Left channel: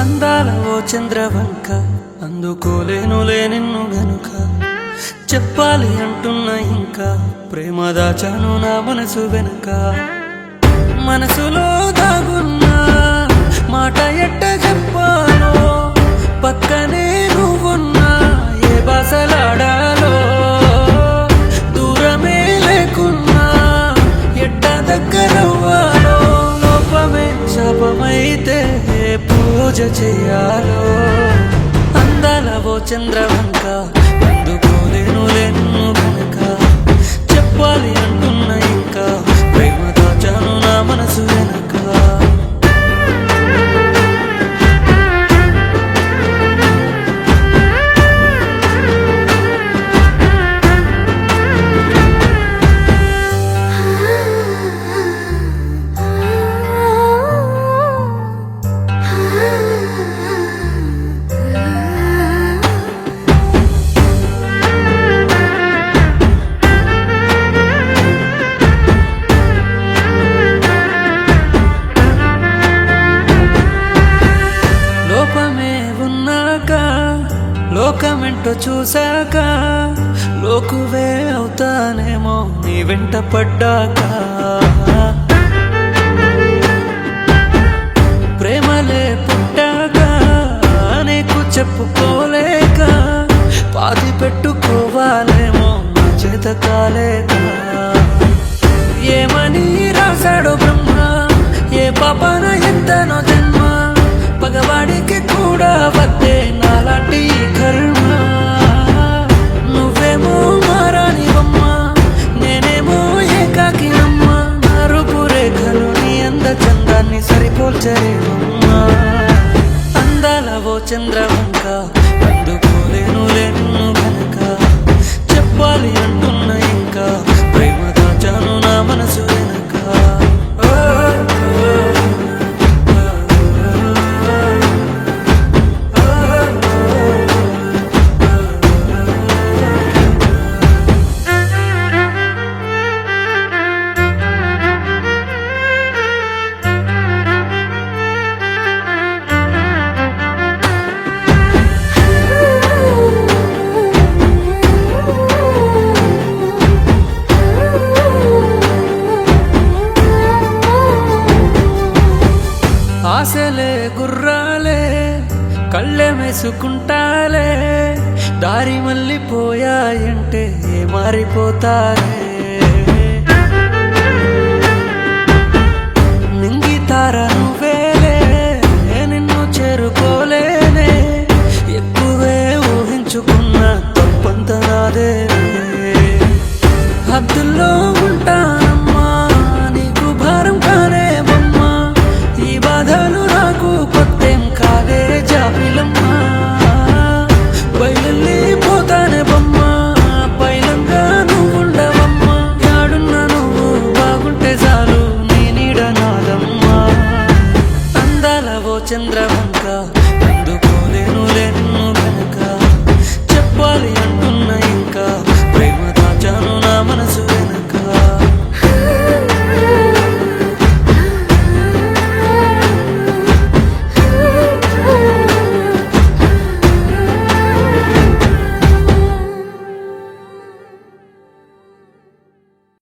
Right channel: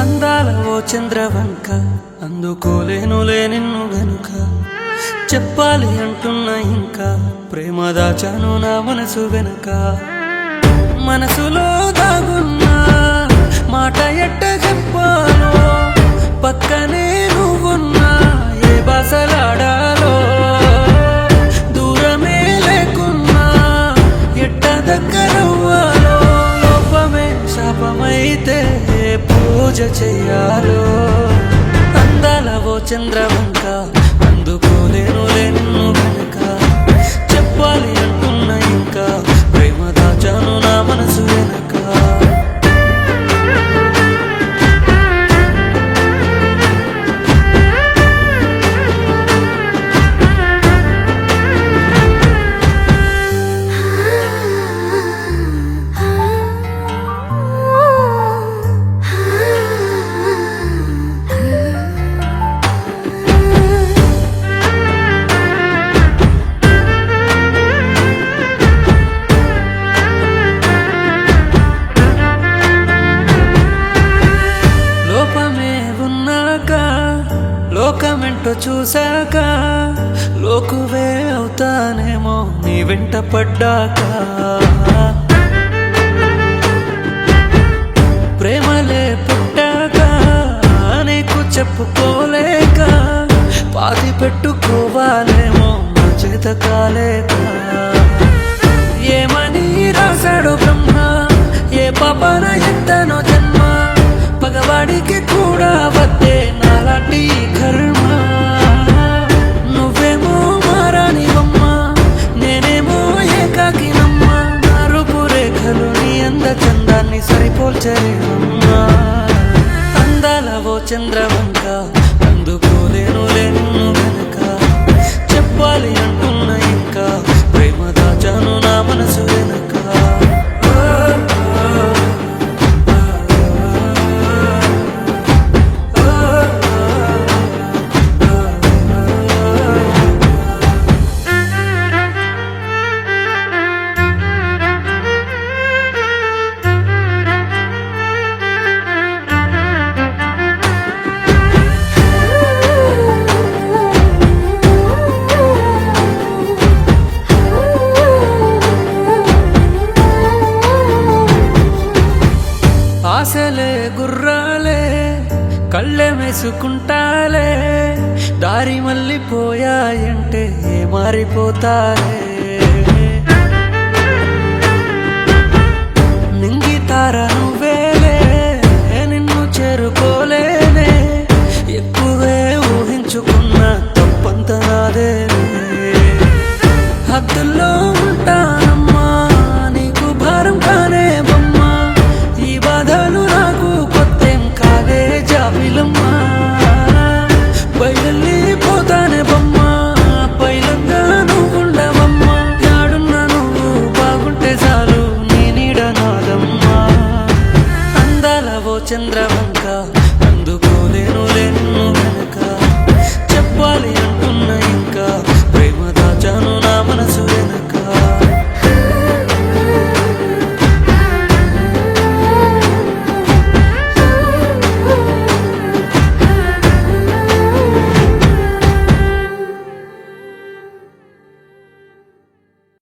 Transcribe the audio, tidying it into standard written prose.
అందాల ఓ చంద్రవంక అందుకోలేనులే నిన్ను గనుక చెప్పాలి అంటున్నా ఇంకా ప్రేమ దాచాను నా మనసు వెనుక మనసులో దాగున్నా మాట ఎట్ట చెప్పాలో పక్కనే నువ్వున్నా ఏ భాషలాడాలో దూరమే లేకున్నా ఎట్ట దగ్గరవ్వాలో లోపమే శాపమైతే పూజ చెయ్యాలో అందాల ఓ చంద్రవంక అందుకోలేనులే నిన్ను గనక చెప్పాలి అంటున్నా ఇంకా ప్రేమ దాచాను నా మనసు వెనక లోపమే ఉన్నాక లోకమెంటో చూశాక లోకువే అవుతానేమో నీ వెంట పడ్డాక ప్రేమలే పుట్టాక నీకు చెప్పుకోలేక పాతి పెట్టుకోవాలేమో నా చేత కాలేక ఏమని రాశాడో బ్రహ్మ ఏ పాపాన ఎత్తనో జన్మ పగవాడికి కూడా వద్దే నాలాంటి కర్మ నువ్వేమో మారానివమ్మ నేనేమో ఏకాకినమ్మ నా రూపు రేఖలు నీ అంద చందాన్ని సరిపోల్చరేవమ్మా అందాల ఓ చంద్రవంక అందుకోలేనులే నిన్ను గనక చెప్పాలి అంటున్నా ఇంకా ప్రేమ దాచాను నా మనసు వెనక ఆశలే గుర్రాలే కళ్ళె మెసుకుంటాలే దారి మళ్ళీపోయాయంటే మారిపోతారే నింగితార నువ్వేలే నిన్ను చేరుకోలేనే ఎక్కువే ఊహించుకున్న తప్పంత నాదే హద్దుల్లో ఉంటానమ్మా నీకు భారం కానే బొమ్మా ఈ బాధలు నాకు కొత్తేం కాదే జాబిలమ్మా బయలుపోతానే బొమ్మ పైలంగా నువ్వుండవమ్మా యాడున్నా నువ్వు బాగుంటే చాలు నీ నీడ నాదమ్మా అందాల ఓ చంద్రవంక అందుకోలేనులే నిన్ను గనక చెప్పాలి అంటున్నా ఇంకా